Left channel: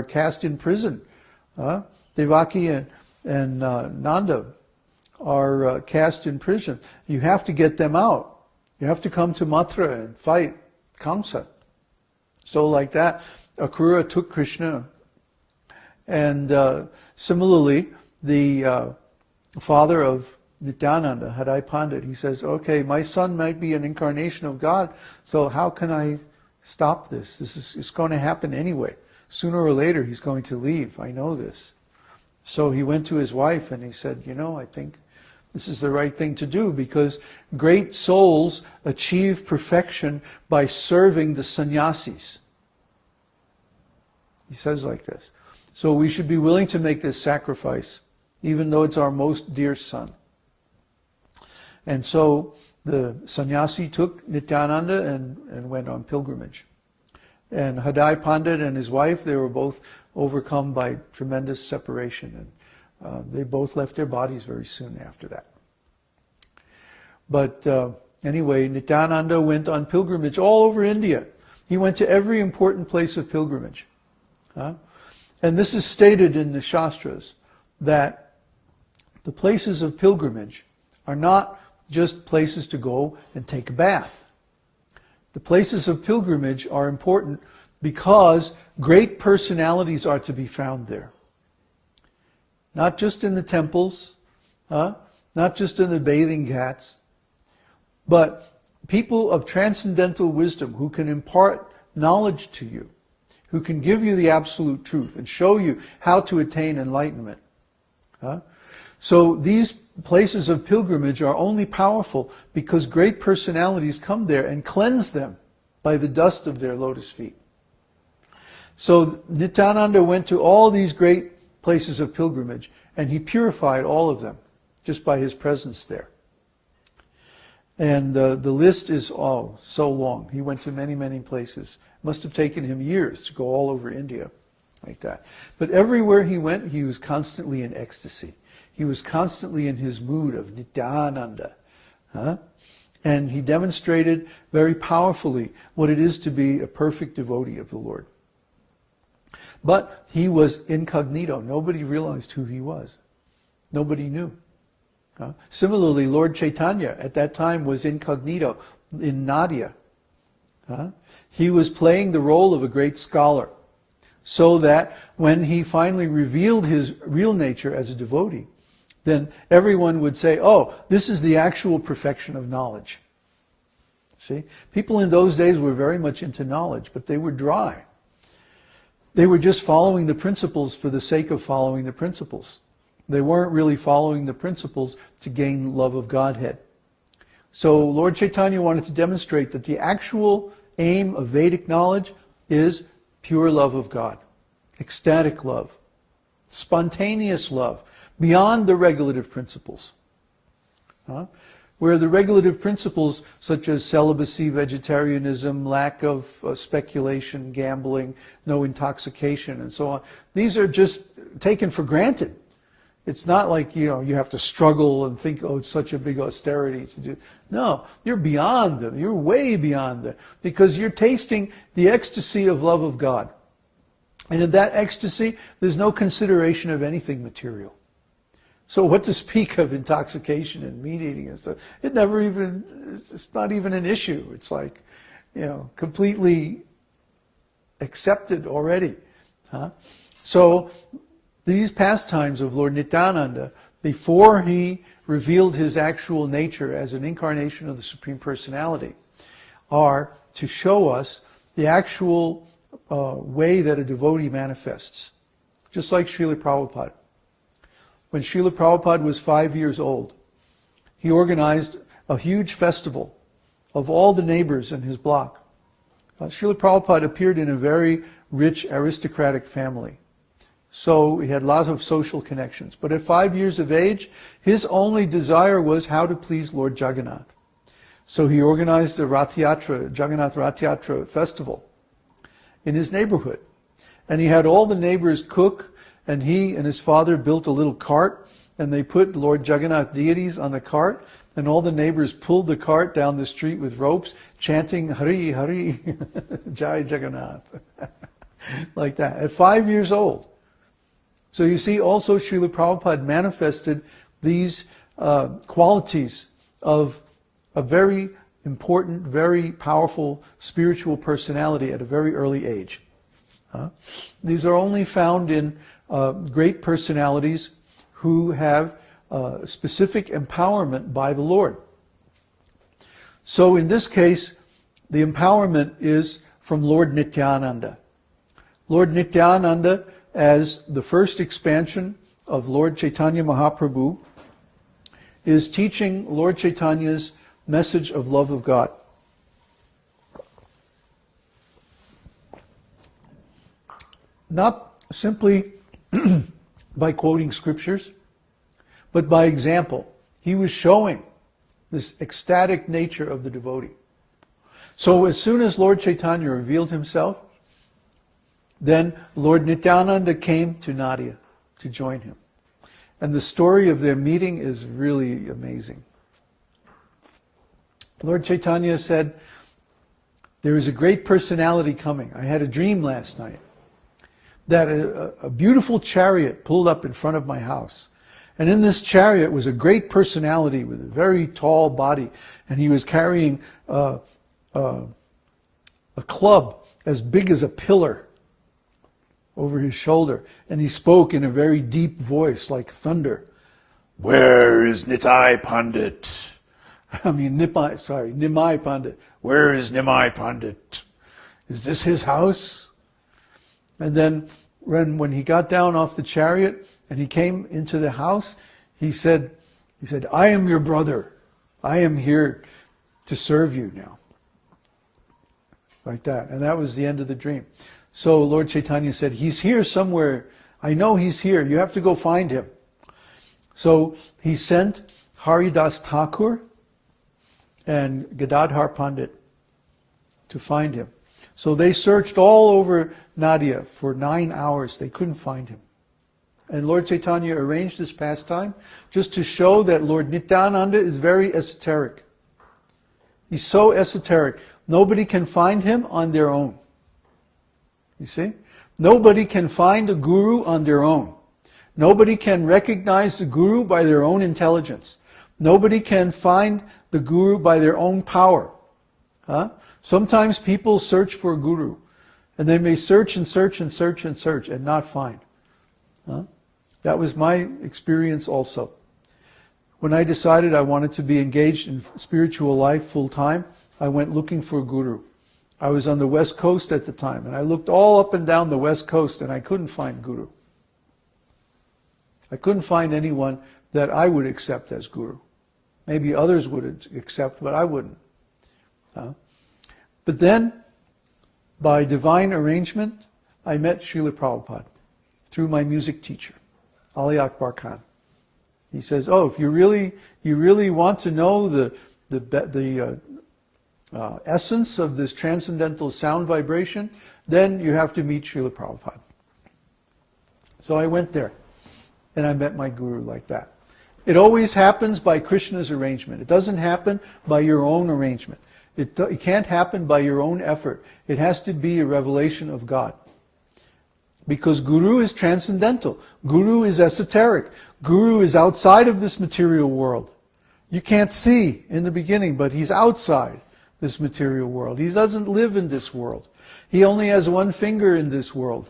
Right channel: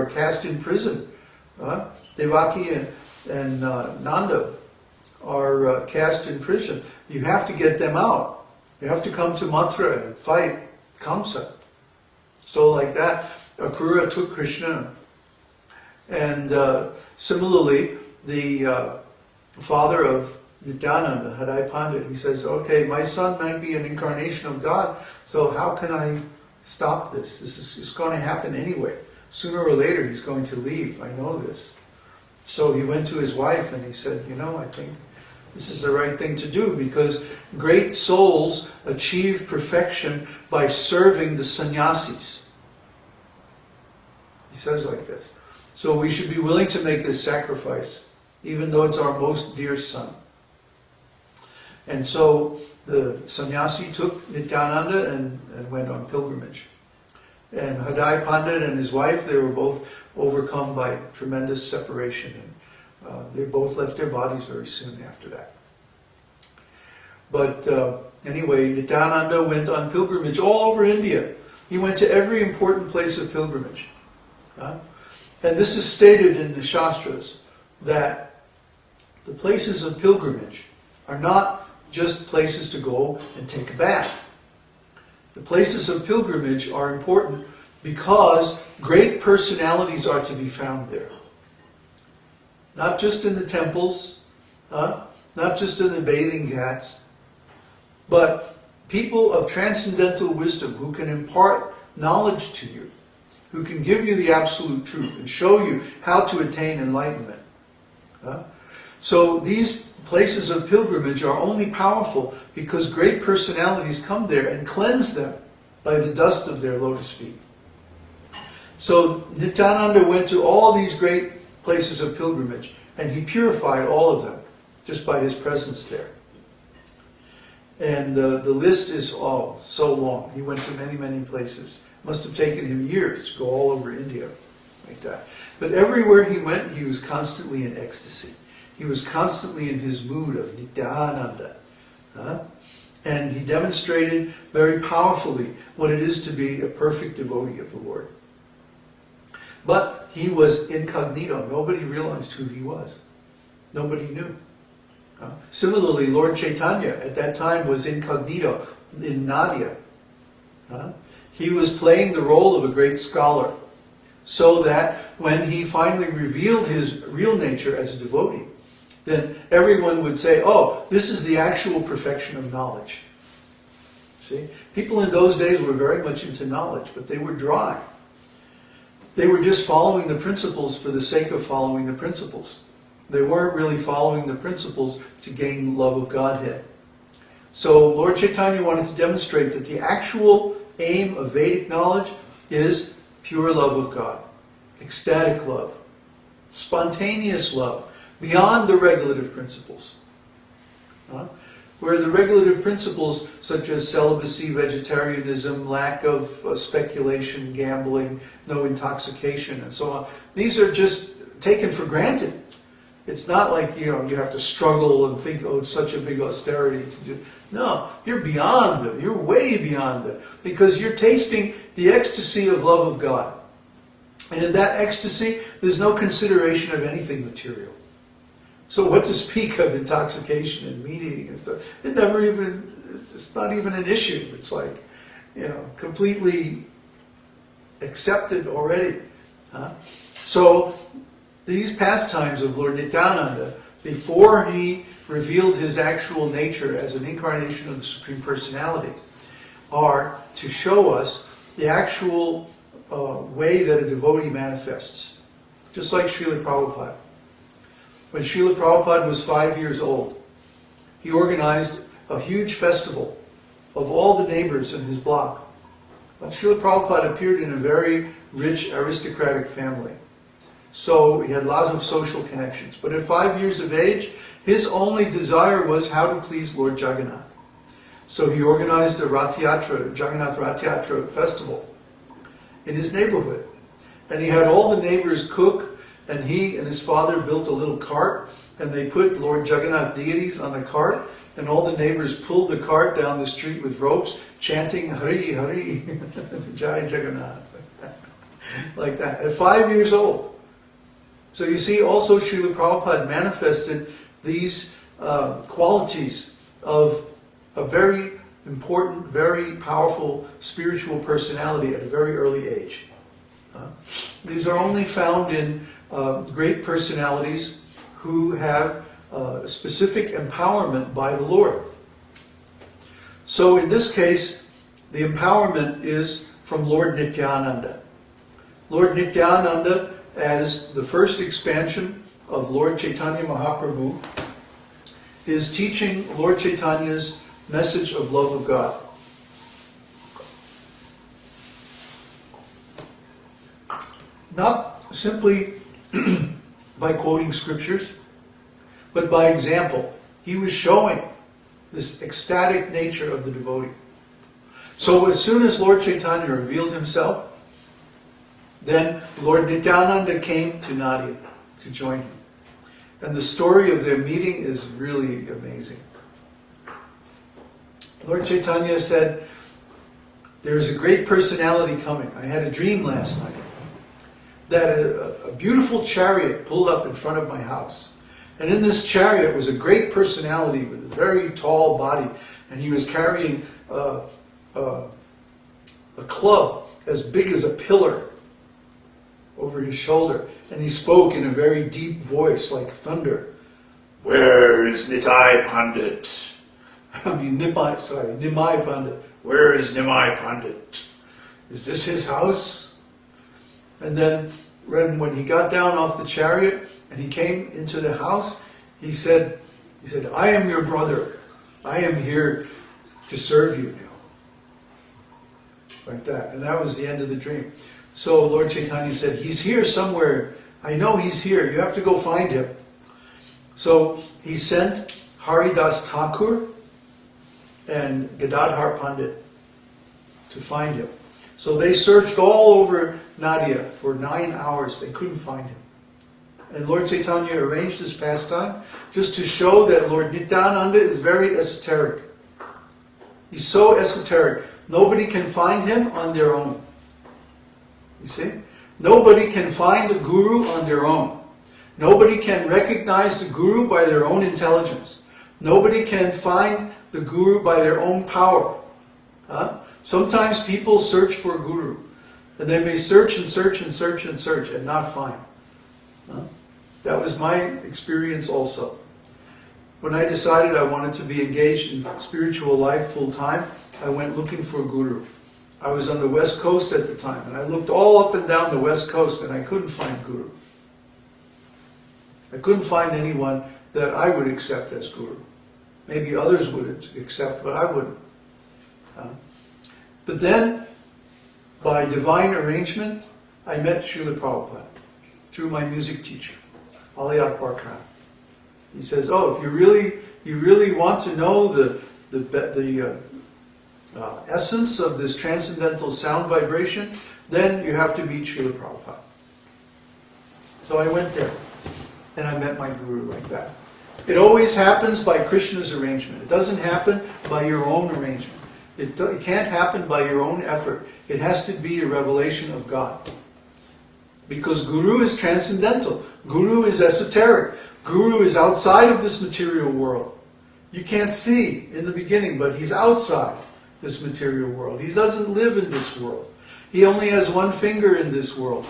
are cast in prison. Devaki and Nanda are cast in prison. You have to get them out. You have to come to Mathura and fight Kamsa. So like that, Akrura took Krishna. And similarly, the father of Nityananda, Hadai Pandit, he says, okay, my son might be an incarnation of God, so how can I stop this? It's going to happen anyway. Sooner or later he's going to leave, I know this. So he went to his wife and he said, I think this is the right thing to do, because great souls achieve perfection by serving the sannyasis. He says like this. So we should be willing to make this sacrifice, even though it's our most dear son. And so the sannyasi took Nityananda and went on pilgrimage. And Hadai Pandit and his wife, they were both overcome by tremendous separation. And they both left their bodies very soon after that. But anyway, Nityananda went on pilgrimage all over India. He went to every important place of pilgrimage. And this is stated in the Shastras, that the places of pilgrimage are not just places to go and take a bath. The places of pilgrimage are important because great personalities are to be found there. Not just in the temples, not just in the bathing ghats, but people of transcendental wisdom who can impart knowledge to you, who can give you the absolute truth and show you how to attain enlightenment. So these places of pilgrimage are only powerful because great personalities come there and cleanse them by the dust of their lotus feet. So Nityananda went to all these great places of pilgrimage and he purified all of them just by his presence there. And the list is so long. He went to many, many places. It must have taken him years to go all over India like that. But everywhere he went, he was constantly in ecstasy. He was constantly in his mood of Nityananda. And he demonstrated very powerfully what it is to be a perfect devotee of the Lord. But he was incognito. Nobody realized who he was. Nobody knew. Similarly, Lord Caitanya at that time was incognito in Nadia. He was playing the role of a great scholar, so that when he finally revealed his real nature as a devotee, then everyone would say, oh, this is the actual perfection of knowledge. See? People in those days were very much into knowledge, but they were dry. They were just following the principles for the sake of following the principles. They weren't really following the principles to gain love of Godhead. So Lord Caitanya wanted to demonstrate that the actual aim of Vedic knowledge is pure love of God, ecstatic love, spontaneous love, beyond the regulative principles. Where the regulative principles such as celibacy, vegetarianism, lack of speculation, gambling, no intoxication, and so on, these are just taken for granted. It's not like, you have to struggle and think, oh, it's such a big austerity to do. No, you're beyond them. You're way beyond them. Because you're tasting the ecstasy of love of God. And in that ecstasy, there's no consideration of anything material. So what to speak of intoxication and meat eating and stuff? It's not even an issue. It's like, completely accepted already. So these pastimes of Lord Nityananda, before he revealed his actual nature as an incarnation of the Supreme Personality, are to show us the actual way that a devotee manifests. Just like Srila Prabhupada. When Srila Prabhupada was 5 years old, he organized a huge festival of all the neighbors in his block. Srila Prabhupada appeared in a very rich aristocratic family. So he had lots of social connections. But at 5 years of age, his only desire was how to please Lord Jagannath. So he organized a Rath Yatra, Jagannath Rath Yatra festival in his neighborhood. And he had all the neighbors cook, and he and his father built a little cart, and they put Lord Jagannath deities on the cart, and all the neighbors pulled the cart down the street with ropes, chanting Hari Hari, Jai Jagannath. like that, at 5 years old. So you see, also Srila Prabhupada manifested these qualities of a very important, very powerful spiritual personality at a very early age. These are only found in great personalities who have specific empowerment by the Lord. So in this case, the empowerment is from Lord Nityananda. Lord Nityananda, as the first expansion of Lord Caitanya Mahāprabhu, is teaching Lord Caitanya's message of love of God. Not simply by quoting scriptures, but by example. He was showing this ecstatic nature of the devotee. So as soon as Lord Caitanya revealed himself, then Lord Nityananda came to Nadia to join him. And the story of their meeting is really amazing. Lord Caitanya said, there is a great personality coming. I had a dream last night that a beautiful chariot pulled up in front of my house. And in this chariot was a great personality with a very tall body. And he was carrying a club as big as a pillar over his shoulder. And he spoke in a very deep voice like thunder. Where is Nitai Pandit? Nimai Pandit. Where is Nimai Pandit? Is this his house? And then when he got down off the chariot and he came into the house, he said, I am your brother. I am here to serve you now. Like that. And that was the end of the dream. So Lord Caitanya said, he's here somewhere. I know he's here. You have to go find him. So he sent Haridas Thakur and Gadadhar Pandit to find him. So they searched all over Nadia for 9 hours. They couldn't find him. And Lord Caitanya arranged this pastime just to show that Lord Nityananda is very esoteric. He's so esoteric. Nobody can find him on their own. You see? Nobody can find the Guru on their own. Nobody can recognize the Guru by their own intelligence. Nobody can find the Guru by their own power. Sometimes people search for a Guru, and they may search and search and search and search and not find. That was my experience also. When I decided I wanted to be engaged in spiritual life full time, I went looking for a Guru. I was on the West Coast at the time, and I looked all up and down the West Coast, and I couldn't find Guru. I couldn't find anyone that I would accept as Guru. Maybe others would accept, but I wouldn't. But then, by divine arrangement, I met Srila Prabhupada through my music teacher, Ali Akbar Khan. He says, "Oh, if you really want to know the essence of this transcendental sound vibration, then you have to meet Srila Prabhupada." So I went there, and I met my Guru like that. It always happens by Krishna's arrangement. It doesn't happen by your own arrangement. It can't happen by your own effort. It has to be a revelation of God. Because Guru is transcendental. Guru is esoteric. Guru is outside of this material world. You can't see in the beginning, but he's outside this material world. He doesn't live in this world. He only has one finger in this world.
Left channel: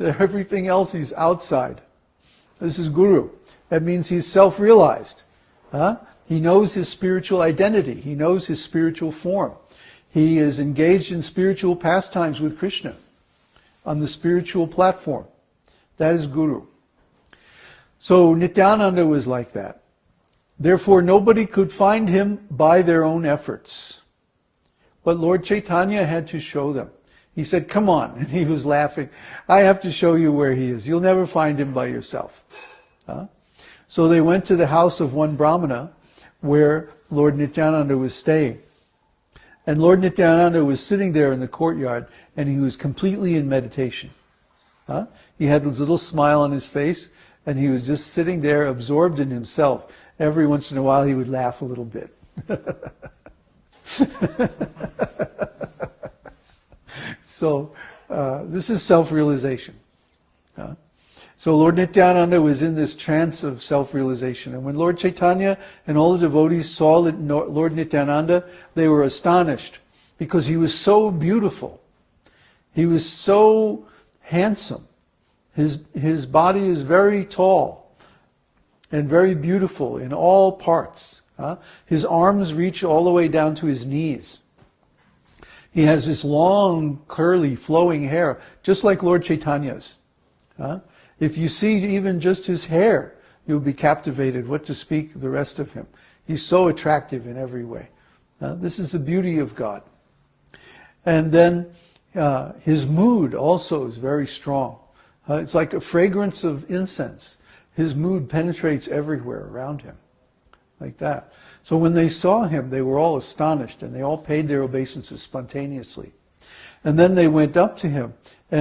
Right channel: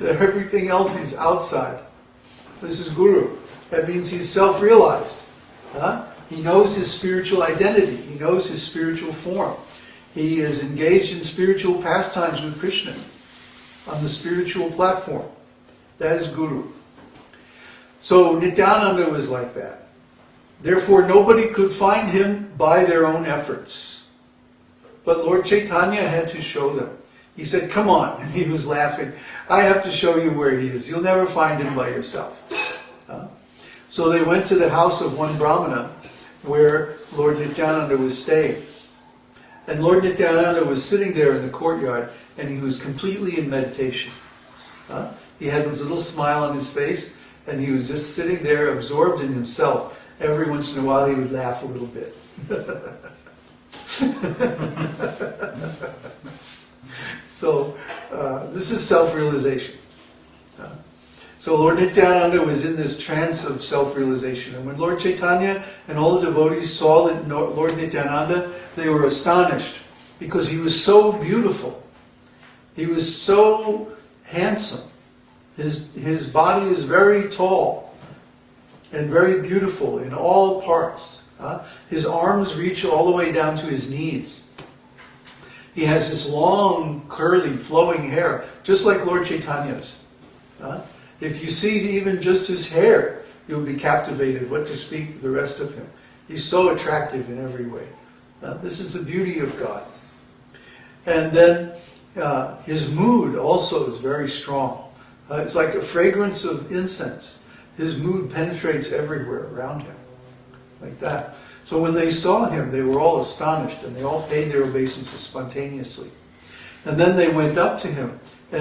Everything else he's outside. This is Guru. That means he's self-realized. He knows his spiritual identity. He knows his spiritual form. He is engaged in spiritual pastimes with Krishna on the spiritual platform. That is Guru. So Nityananda was like that. Therefore, nobody could find him by their own efforts. But Lord Caitanya had to show them. He said, "Come on." And he was laughing. "I have to show you where he is. You'll never find him by yourself." So they went to the house of one Brahmana where Lord Nityananda was staying. And Lord Nityananda was sitting there in the courtyard, and he was completely in meditation. He had this little smile on his face, and he was just sitting there absorbed in himself. Every once in a while he would laugh a little bit. So This is self-realization. So Lord Nityananda was in this trance of self-realization. And when Lord Chaitanya and all the devotees saw Lord Nityananda, they were astonished because he was so beautiful. He was so handsome. His body is very tall and very beautiful in all parts. His arms reach all the way down to his knees. He has this long, curly, flowing hair, just like Lord Chaitanya's. If you see even just his hair, you'll be captivated, what to speak the rest of him. He's so attractive in every way. This is the beauty of God. And then his mood also is very strong. It's like a fragrance of incense. His mood penetrates everywhere around him, like that. So when they saw him, they were all astonished, and they all paid their obeisances spontaneously. And then they went up to him,